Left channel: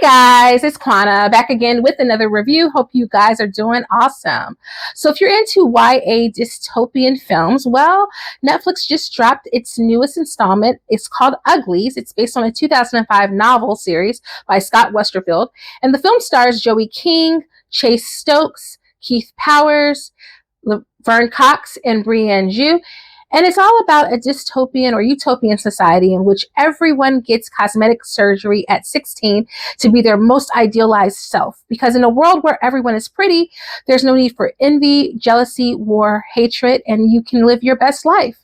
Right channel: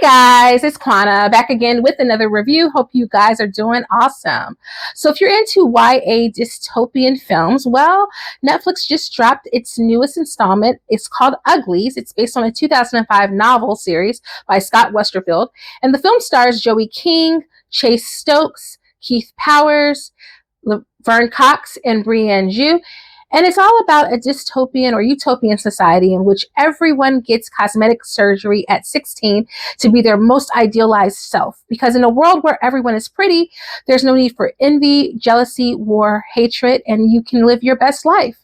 Hey guys, it's Quana back again with another review. Hope you guys are doing awesome. So if you're into YA dystopian films, well, Netflix just dropped its newest installment. It's called Uglies. It's based on a 2005 novel series by Scott Westerfeld. And the film stars Joey King, Chase Stokes, Keith Powers, Laverne and Breanne. And it's all about a dystopian or utopian society in which everyone gets cosmetic surgery at 16 to be their most idealized self. Because in a world where everyone is pretty, there's no need for envy, jealousy, war, hatred, and you can live your best life.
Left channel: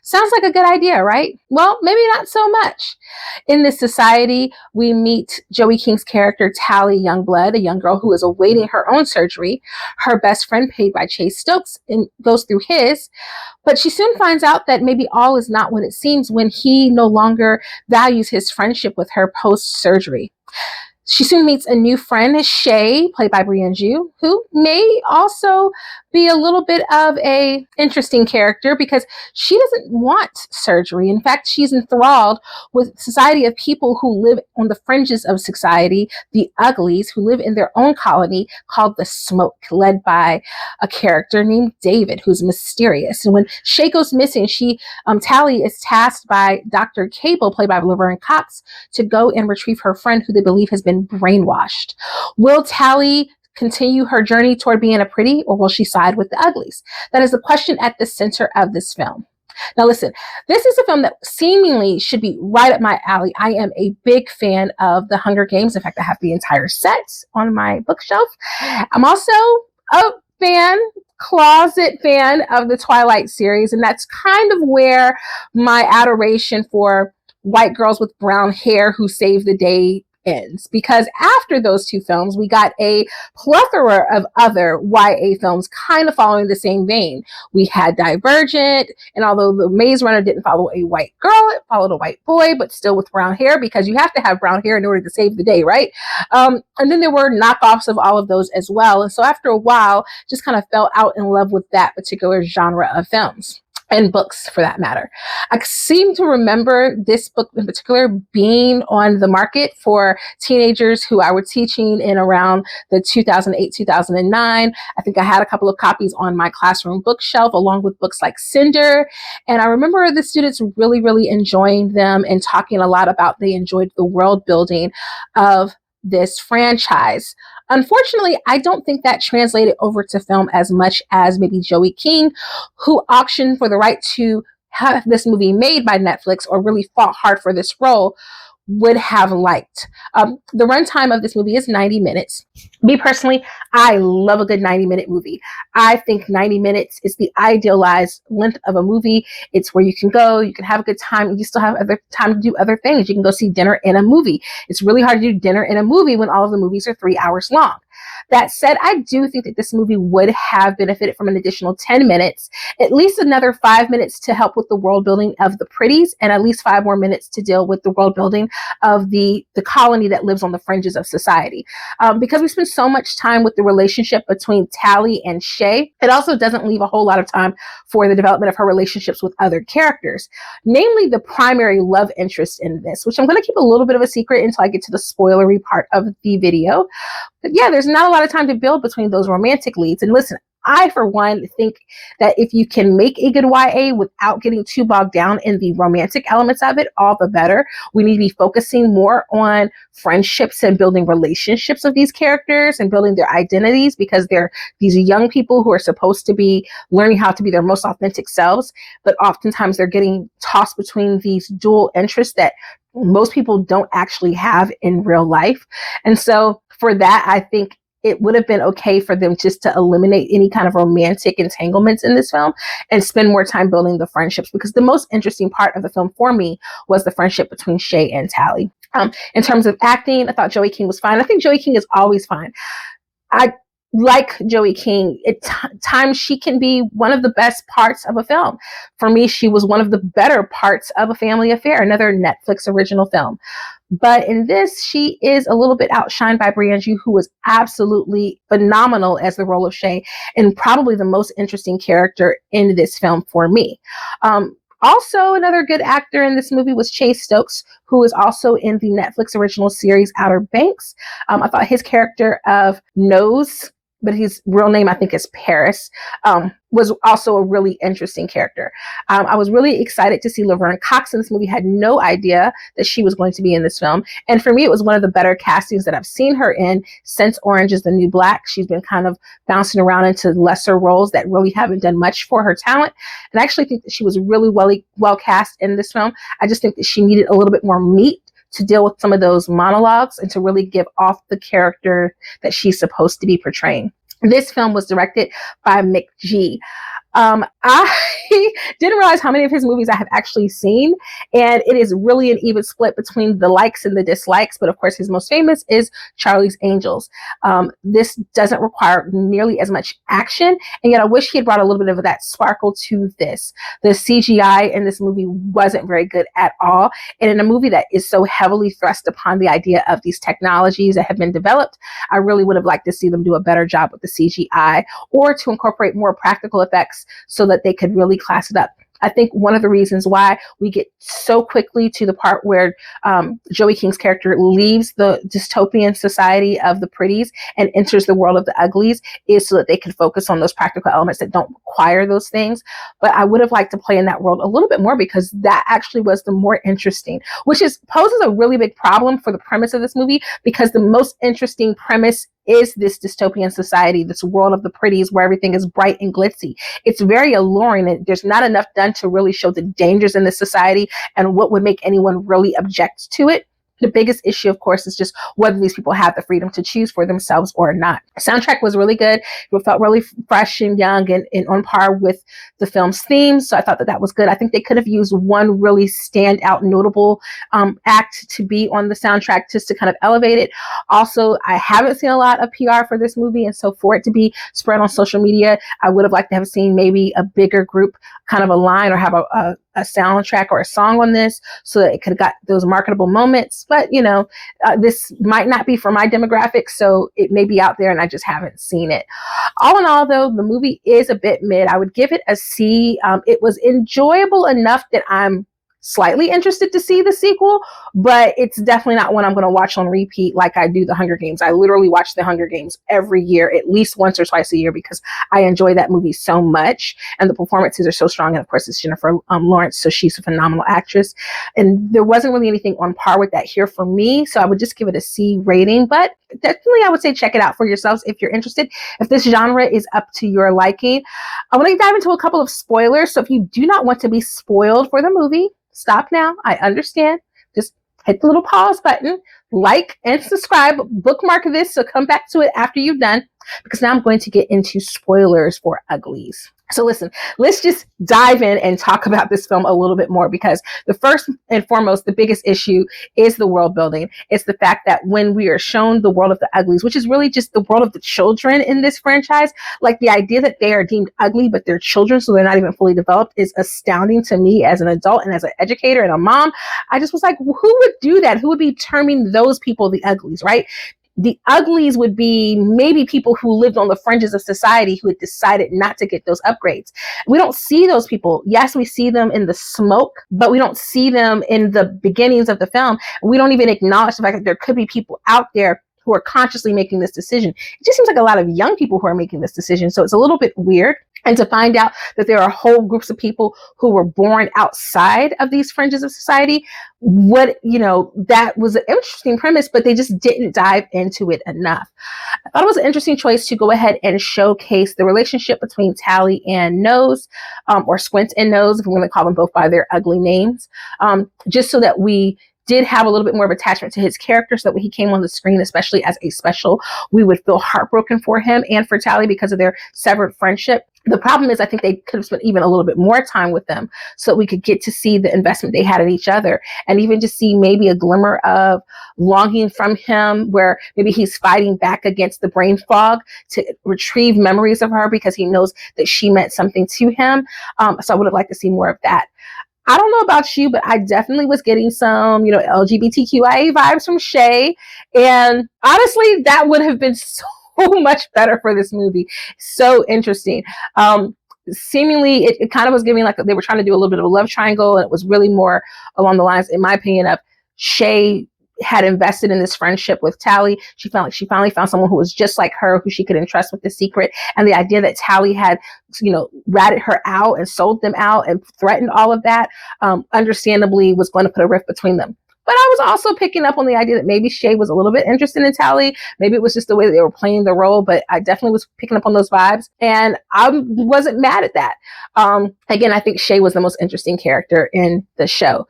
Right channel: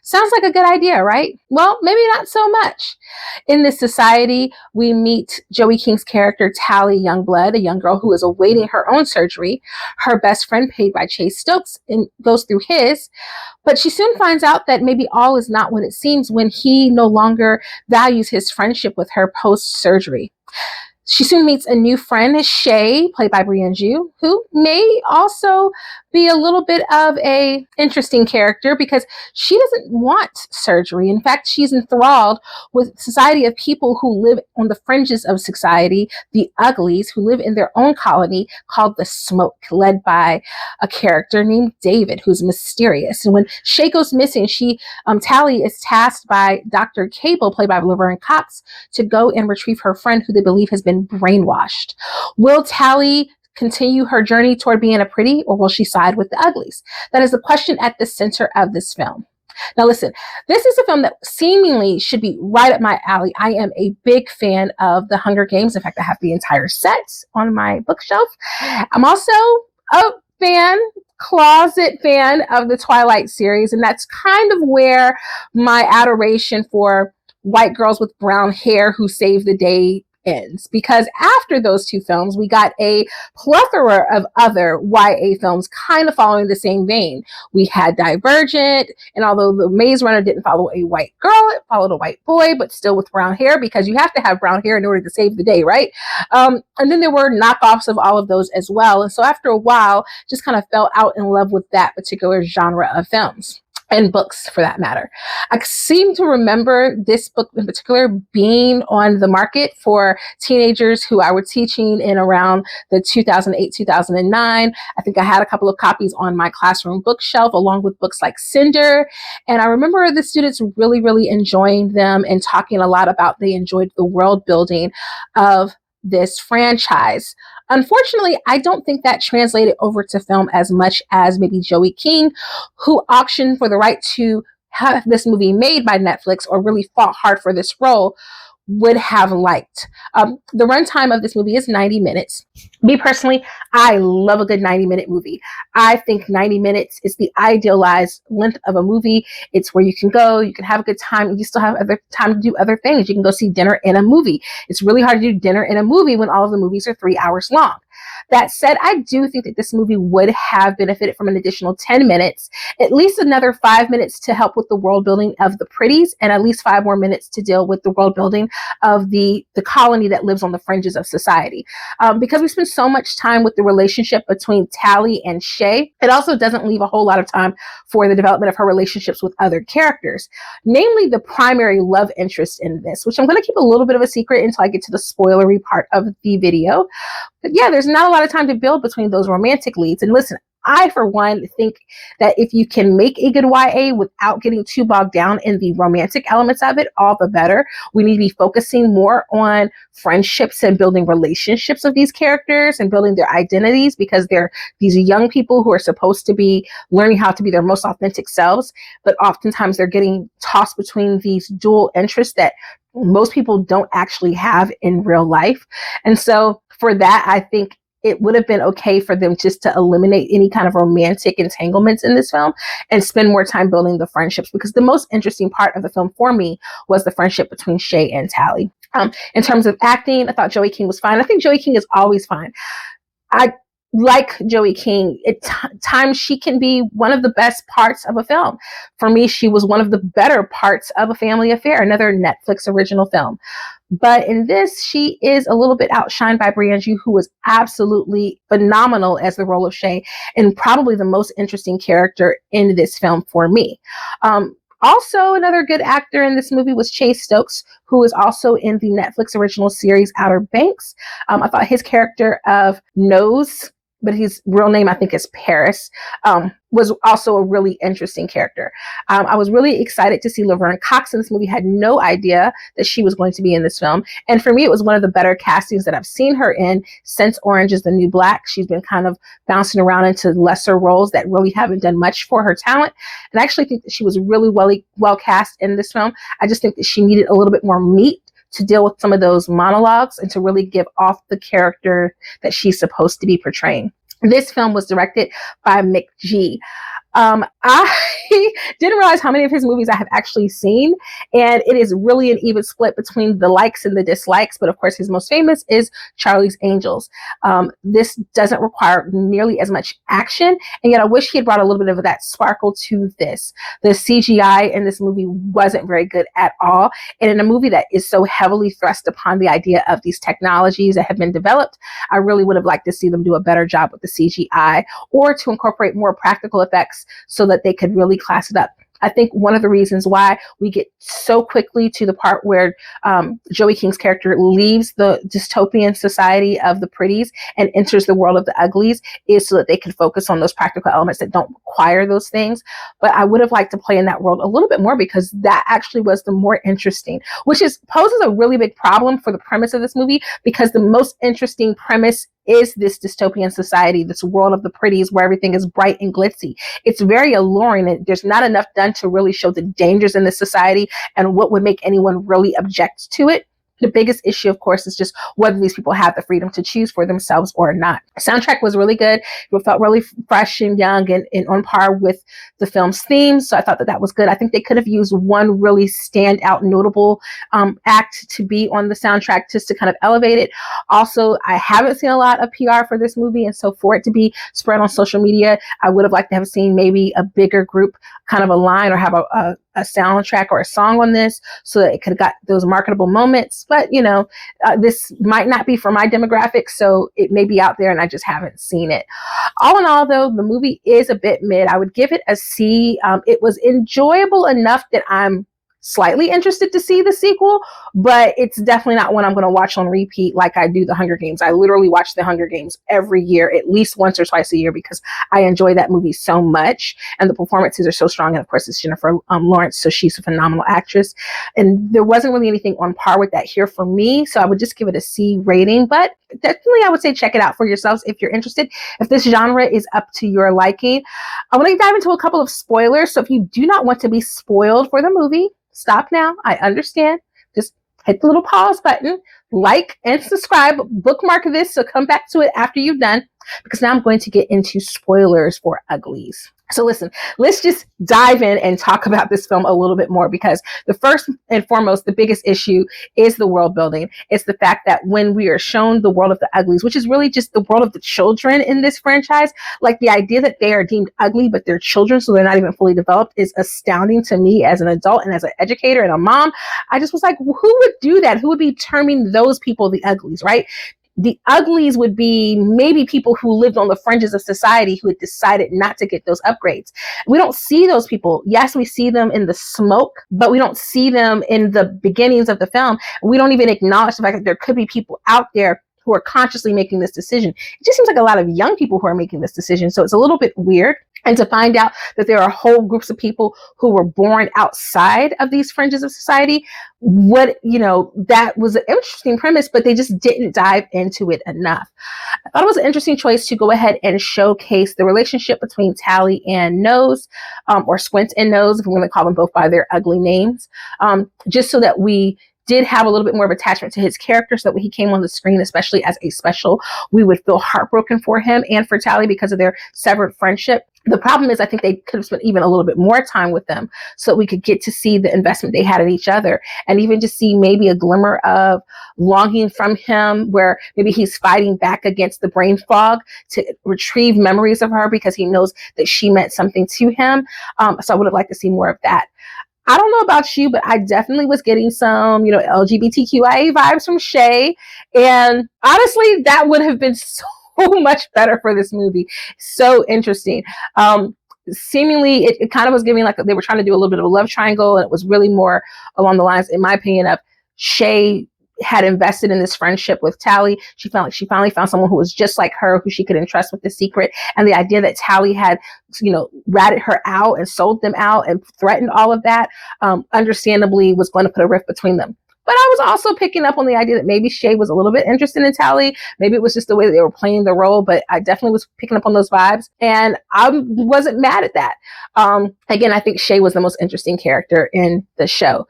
Sounds like a good idea, right? Well, maybe not so much. In this society, we meet Joey King's character, Tally Youngblood, a young girl who is awaiting her own surgery. Her best friend, played by Chase Stokes, goes through his. But she soon finds out that maybe all is not what it seems when he no longer values his friendship with her post-surgery. She soon meets a new friend, Shay, played by Breanne, who may also be a little bit of a interesting character because she doesn't want surgery. In fact, she's enthralled with a society of people who live on the fringes of society, the Uglies, who live in their own colony called the Smoke, led by a character named David, who's mysterious. And when Shay goes missing, Tally is tasked by Dr. Cable, played by Laverne, to go and retrieve her friend who they believe has been brainwashed. Will Tally continue her journey toward being a pretty, or will she side with the Uglies? That is the question at the center of this film. Now listen, this is a film that seemingly should be right up my alley. I am a big fan of The Hunger Games. In fact, I have the entire set on my bookshelf. I'm also a closet fan of the Twilight series, and that's kind of where my adoration for white girls with brown hair who save the day ends. Because after those two films, we got a plethora of other YA films kind of following the same vein. We had Divergent, and although The Maze Runner didn't follow a white girl, it followed a white boy, but still with brown hair, because you have to have brown hair in order to save the day, right? And then there were knockoffs of all of those as well. And so after a while, just kind of fell out in love with that particular genre of films. And books, for that matter. I seem to remember this book in particular being on the market for teenagers who I was teaching in around the 2008, 2009. I think I had a couple of copies on my classroom bookshelf, along with books like Cinder. And I remember the students really, really enjoying them and talking a lot about they enjoyed the world building of this franchise. Unfortunately, I don't think that translated over to film as much as maybe Joey King, who auctioned for the right to have this movie made by Netflix or really fought hard for this role, would have liked. The runtime of this movie is 90 minutes. Me personally, I love a good 90-minute movie. I think 90 minutes is the idealized length of a movie. It's where you can go, you can have a good time, you still have other time to do other things. You can go see dinner in a movie. It's really hard to do dinner in a movie when all of the movies are 3 hours long. That said, I do think that this movie would have benefited from an additional 10 minutes, at least another 5 minutes to help with the world building of the pretties, and at least 5 more minutes to deal with the world building of the colony that lives on the fringes of society. Because we spend so much time with the relationship between Tally and Shay, it also doesn't leave a whole lot of time for the development of her relationships with other characters, namely the primary love interest in this, which I'm going to keep a little bit of a secret until I get to the spoilery part of the video. But yeah, there's not a lot of time to build between those romantic leads. And listen, I, for one, think that if you can make a good YA without getting too bogged down in the romantic elements of it, all the better. We need to be focusing more on friendships and building relationships of these characters and building their identities, because they're these young people who are supposed to be learning how to be their most authentic selves, but oftentimes they're getting tossed between these dual interests that most people don't actually have in real life. And so for that, I think it would have been okay for them just to eliminate any kind of romantic entanglements in this film and spend more time building the friendships, because the most interesting part of the film for me was the friendship between Shay and Tally. In terms of acting, I thought Joey King was fine. I think Joey King is always fine. I like Joey King. At times, she can be one of the best parts of a film. For me, she was one of the better parts of A Family Affair, another Netflix original film. But in this, she is a little bit outshined by Breanne, who was absolutely phenomenal as the role of Shay, and probably the most interesting character in this film for me. Also, another good actor in this movie was Chase Stokes, who is also in the Netflix original series Outer Banks. I thought his character of Nose, but his real name I think is Paris, was also a really interesting character. I was really excited to see Laverne Cox in this movie. Had no idea that she was going to be in this film, and for me, it was one of the better castings that I've seen her in since Orange Is the New Black. She's been kind of bouncing around into lesser roles that really haven't done much for her talent, and I actually think that she was really well cast in this film. I just think that she needed a little bit more meat to deal with some of those monologues and to really give off the character that she's supposed to be portraying. This film was directed by McG. I didn't realize how many of his movies I have actually seen, and it is really an even split between the likes and the dislikes. But of course, his most famous is Charlie's Angels. This doesn't require nearly as much action, and yet I wish he had brought a little bit of that sparkle to this. The CGI in this movie wasn't very good at all, and in a movie that is so heavily thrust upon the idea of these technologies that have been developed, I really would have liked to see them do a better job with the CGI or to incorporate more practical effects so that they could really class it up. I think one of the reasons why we get so quickly to the part where Joey King's character leaves the dystopian society of the pretties and enters the world of the uglies is so that they can focus on those practical elements that don't require those things. But I would have liked to play in that world a little bit more because that actually was the more interesting, which poses a really big problem for the premise of this movie, because the most interesting premise is this dystopian society, this world of the pretties where everything is bright and glitzy. It's very alluring, and there's not enough done to really show the dangers in this society and what would make anyone really object to it. The biggest issue, of course, is just whether these people have the freedom to choose for themselves or not. The soundtrack was really good. It felt really fresh and young and on par with the film's theme. So I thought that was good. I think they could have used one really standout, notable act to be on the soundtrack just to kind of elevate it. Also, I haven't seen a lot of PR for this movie. And so for it to be spread on social media, I would have liked to have seen maybe a bigger group kind of align or have a soundtrack or a song on this so that it could have got those marketable moments. But, this might not be for my demographic, so it may be out there and I just haven't seen it. All in all, though, the movie is a bit mid. I would give it a C. It was enjoyable enough that I'm slightly interested to see the sequel, but it's definitely not one I'm going to watch on repeat like I do the Hunger Games. I literally watch the Hunger Games every year, at least once or twice a year, because I enjoy that movie so much, and the performances are so strong. And of course, it's Jennifer Lawrence, so she's a phenomenal actress. And there wasn't really anything on par with that here for me, so I would just give it a C rating. But definitely, I would say check it out for yourselves if you're interested. If this genre is up to your liking, I want to dive into a couple of spoilers. So if you do not want to be spoiled for the movie, stop now. I understand. Just hit the little pause button, like and subscribe, bookmark this, so come back to it after you've done, because now I'm going to get into spoilers for Uglies. So listen, let's just dive in and talk about this film a little bit more, because the first and foremost, the biggest issue is the world building. It's the fact that when we are shown the world of the Uglies, which is really just the world of the children in this franchise, like the idea that they are deemed ugly, but they're children, so they're not even fully developed, is astounding to me as an adult and as an educator and a mom. I just was like, who would do that? Who would be terming those people the Uglies, right? The Uglies would be maybe people who lived on the fringes of society who had decided not to get those upgrades. We don't see those people. Yes, we see them in the smoke, but we don't see them in the beginnings of the film. We don't even acknowledge the fact that there could be people out there who are consciously making this decision. It just seems like a lot of young people who are making this decision. So it's a little bit weird. And to find out that there are whole groups of people who were born outside of these fringes of society, that was an interesting premise, but they just didn't dive into it enough. I thought it was an interesting choice to go ahead and showcase the relationship between Tally and Nose, or Squint and Nose, if we're going to call them both by their ugly names, just so that we did have a little bit more of attachment to his character, so that when he came on the screen, especially as a special, we would feel heartbroken for him and for Tally because of their severed friendship. The problem is I think they could have spent even a little bit more time with them so that we could get to see the investment they had in each other, and even just see maybe a glimmer of longing from him, where maybe he's fighting back against the brain fog to retrieve memories of her because he knows that she meant something to him. So I would have liked to see more of that. I don't know about you, but I definitely was getting some, LGBTQIA vibes from Shay. And honestly, that would have been so much better for this movie. So interesting. seemingly it kind of was giving like they were trying to do a little bit of a love triangle, and it was really more along the lines, in my opinion, of Shay had invested in this friendship with Tally. She felt like she finally found someone who was just like her, who she could entrust with the secret. And the idea that Tally had, ratted her out and sold them out and threatened all of that, understandably was going to put a rift between them. But I was also picking up on the idea that maybe Shay was a little bit interested in Tally. Maybe it was just the way that they were playing the role, but I definitely was picking up on those vibes. And I wasn't mad at that. Again, I think Shay was the most interesting character in the show.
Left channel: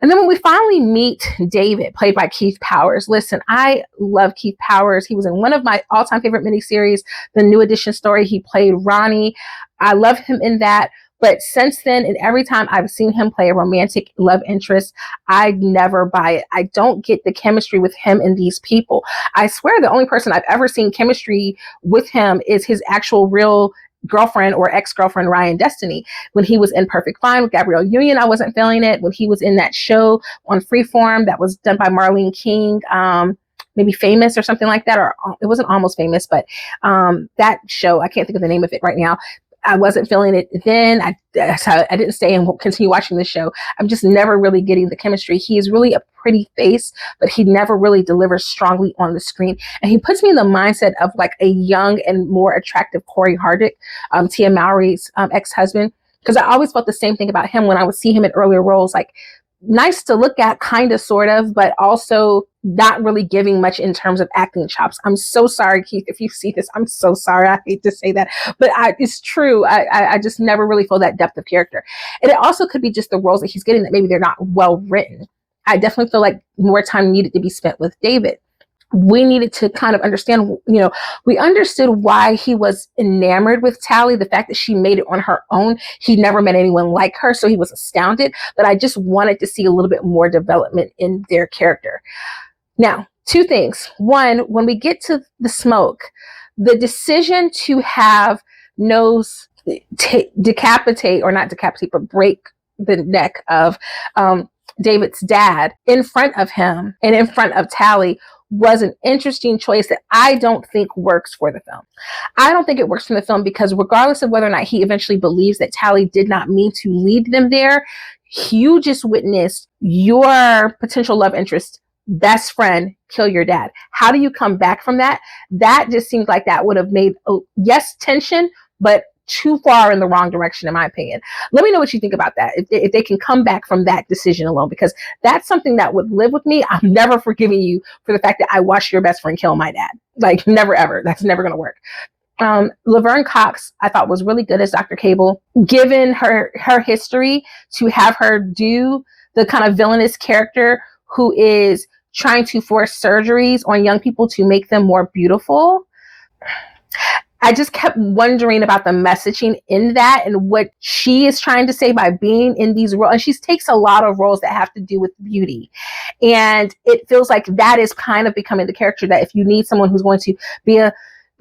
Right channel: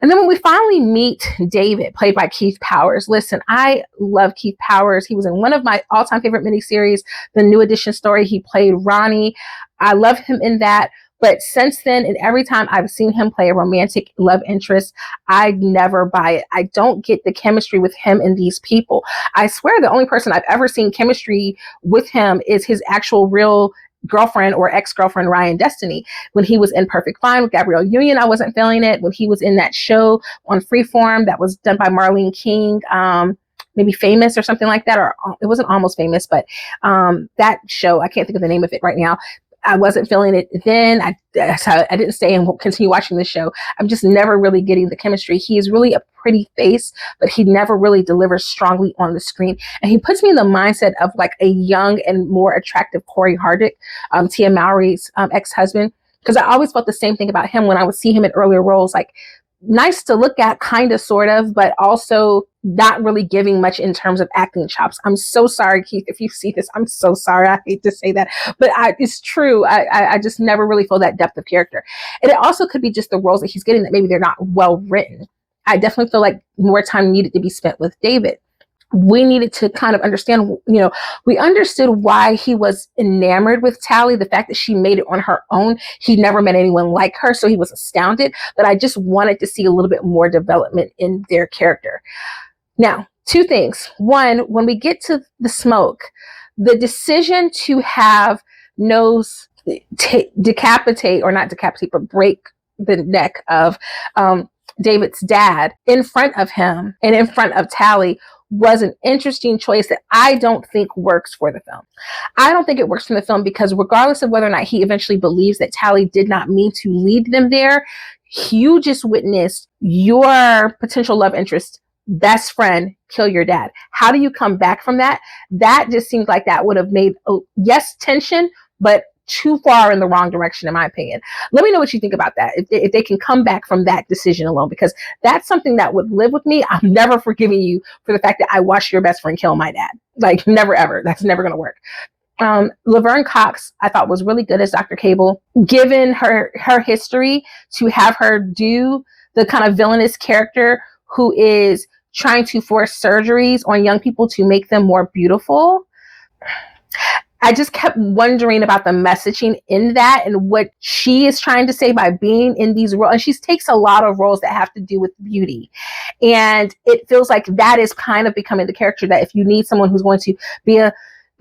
And then when we finally meet David, played by Keith Powers. Listen, I love Keith Powers. He was in one of my all-time favorite miniseries, the New Edition story. He played Ronnie. I love him in that. But since then, and every time I've seen him play a romantic love interest, I never buy it. I don't get the chemistry with him and these people. I swear the only person I've ever seen chemistry with him is his actual real girlfriend or ex-girlfriend, Ryan Destiny. When he was in Perfect Fine with Gabrielle Union, I wasn't feeling it. When he was in that show on Freeform that was done by Marlene King, maybe Famous or something like that, or it wasn't Almost Famous, but that show, I can't think of the name of it right now. I wasn't feeling it then. I didn't stay and continue watching the show. I'm just never really getting the chemistry. He is really a pretty face, but he never really delivers strongly on the screen. And he puts me in the mindset of like a young and more attractive Corey Hardick, Tia Mowry's ex-husband. Because I always felt the same thing about him when I would see him in earlier roles, like nice to look at, kind of, sort of, but also not really giving much in terms of acting chops. I'm so sorry, Keith, if you see this. I'm so sorry. I hate to say that, but it's true. I just never really feel that depth of character. And it also could be just the roles that he's getting that maybe they're not well written. I definitely feel like more time needed to be spent with David. We needed to kind of understand, we understood why he was enamored with Tally, the fact that she made it on her own. He never met anyone like her, so he was astounded. But I just wanted to see a little bit more development in their character. Now, two things. One, when we get to the smoke, the decision to have Nose decapitate, or not decapitate, but break the neck of David's dad in front of him and in front of Tally was an interesting choice that I don't think works for the film. I don't think it works for the film because regardless of whether or not he eventually believes that Tally did not mean to lead them there, you just witnessed your potential love interest best friend kill your dad. How do you come back from that? That just seems like that would have made, yes, tension, but too far in the wrong direction, in my opinion. Let me know what you think about that. If they can come back from that decision alone, because that's something that would live with me. I'm never forgiving you for the fact that I watched your best friend kill my dad. Like, never, ever. That's never going to work. Laverne Cox, I thought, was really good as Dr. Cable. Given her history, to have her do the kind of villainous character who is trying to force surgeries on young people to make them more beautiful, I just kept wondering about the messaging in that and what she is trying to say by being in these roles. And she takes a lot of roles that have to do with beauty. And it feels like that is kind of becoming the character that if you need someone who's going to be a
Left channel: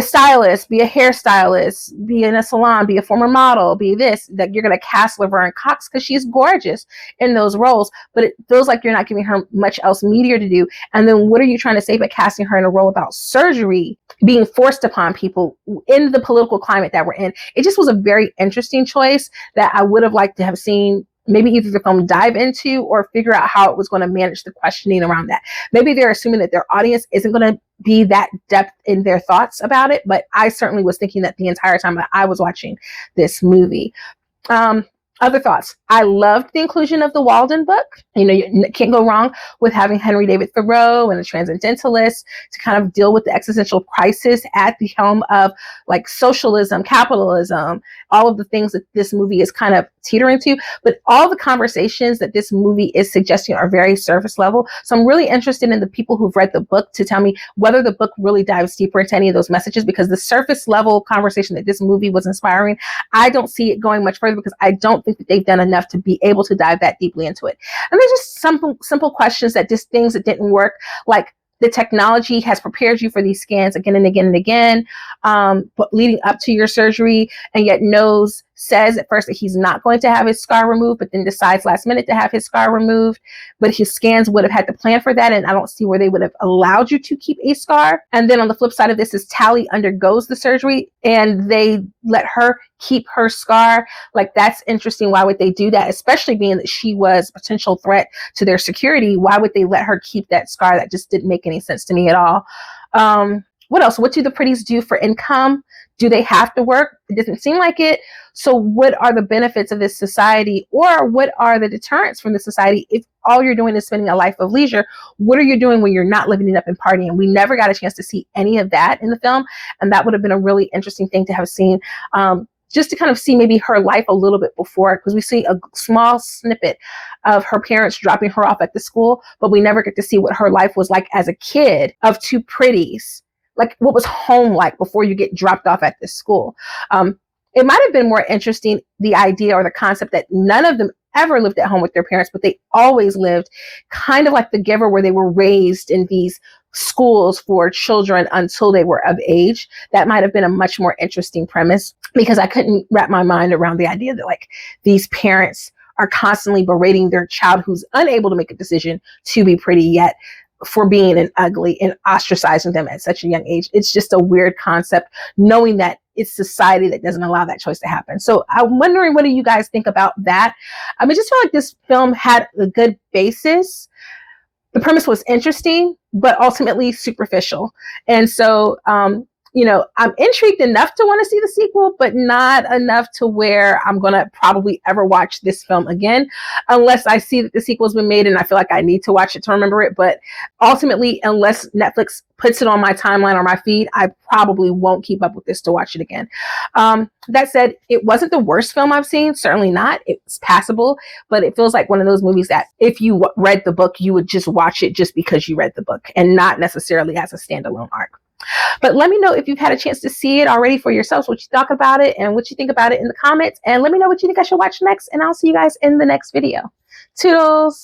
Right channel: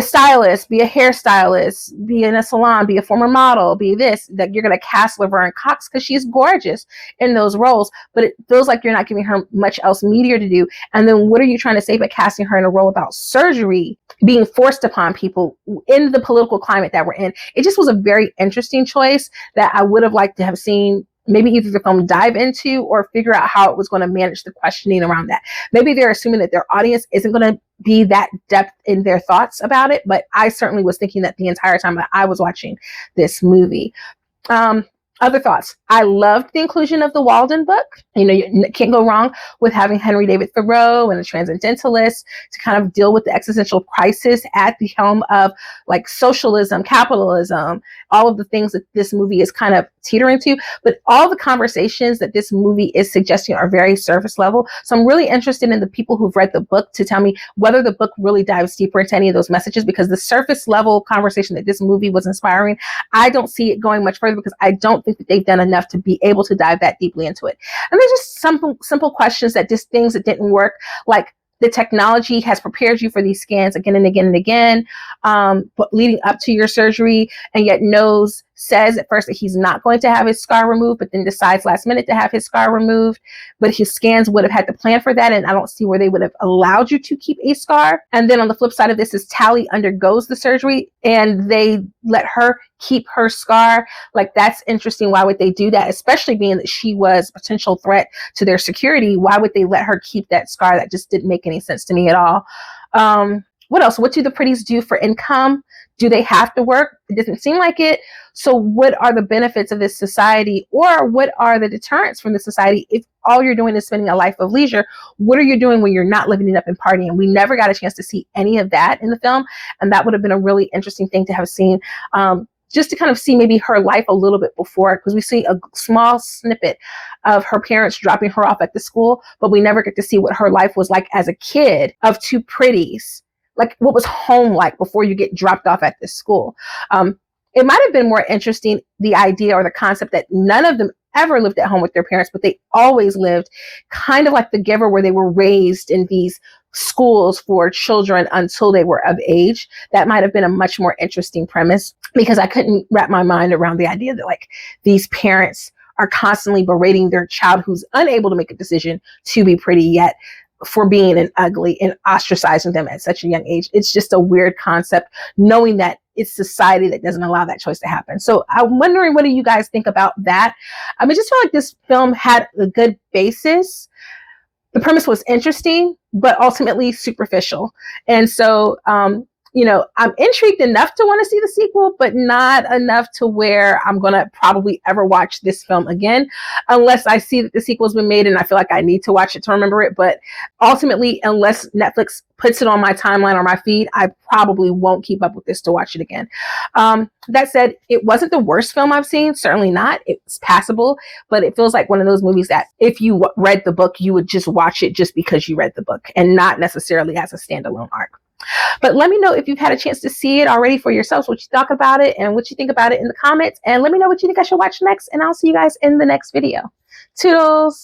stylist, be a hairstylist, be in a salon, be a former model, be this, that you're going to cast Laverne Cox because she's gorgeous in those roles, but it feels like you're not giving her much else meatier to do. And then what are you trying to say by casting her in a role about surgery being forced upon people in the political climate that we're in? It just was a very interesting choice that I would have liked to have seen maybe either the film dive into or figure out how it was going to manage the questioning around that. Maybe they're assuming that their audience isn't going to be that depth in their thoughts about it, but I certainly was thinking that the entire time that I was watching this movie. Other thoughts. I loved the inclusion of the Walden book. You can't go wrong with having Henry David Thoreau and a transcendentalist to kind of deal with the existential crisis at the helm of like socialism, capitalism, all of the things that this movie is kind of teetering to. But all the conversations that this movie is suggesting are very surface level. So I'm really interested in the people who've read the book to tell me whether the book really dives deeper into any of those messages, because the surface level conversation that this movie was inspiring, I don't see it going much further because I don't think that they've done enough to be able to dive that deeply into it. And there's just simple questions that just things that didn't work, like the technology has prepared you for these scans again and again and again, but leading up to your surgery, and yet says at first that he's not going to have his scar removed, but then decides last minute to have his scar removed. but his scans would have had to plan for that, and I don't see where they would have allowed you to keep a scar. And then on the flip side of this is Tally undergoes the surgery and they let her keep her scar. Like, that's interesting. Why would they do that? Especially being that she was a potential threat to their security. Why would they let her keep that scar? That just didn't make any sense to me at all. What else? What do the pretties do for income? Do they have to work? It doesn't seem like it. So what are the benefits of this society, or what are the deterrents from the society if all you're doing is spending a life of leisure? What are you doing when you're not living it up and partying? We never got a chance to see any of that in the film, and that would have been a really interesting thing to have seen, just to kind of see maybe her life a little bit before, because we see a small snippet of her parents dropping her off at the school, but we never get to see what her life was like as a kid of two pretties. Like, what was home like before you get dropped off at this school? It might have been more interesting, the idea or the concept that none of them ever lived at home with their parents, but they always lived kind of like The Giver, where they were raised in these schools for children until they were of age. That might have been a much more interesting premise, because I couldn't wrap my mind around the idea that, like, these parents are constantly berating their child who's unable to make a decision to be pretty yet for being an ugly, and ostracizing them at such a young age. It's just a weird concept, knowing that it's society that doesn't allow that choice to happen. So I'm wondering, what do you guys think about that? I just feel like this film had a good basis. The premise was interesting, but ultimately superficial. And so, I'm intrigued enough to want to see the sequel, but not enough to where I'm going to probably ever watch this film again, unless I see that the sequel's been made and I feel like I need to watch it to remember it. But ultimately, unless Netflix puts it on my timeline or my feed, I probably won't keep up with this to watch it again. That said, it wasn't the worst film I've seen. Certainly not. It's passable, but it feels like one of those movies that if you read the book, you would just watch it just because you read the book and not necessarily as a standalone arc. But let me know if you've had a chance to see it already for yourselves, what you talk about it and what you think about it in the comments. And let me know what you think I should watch next. And I'll see you guys in the next video. Toodles!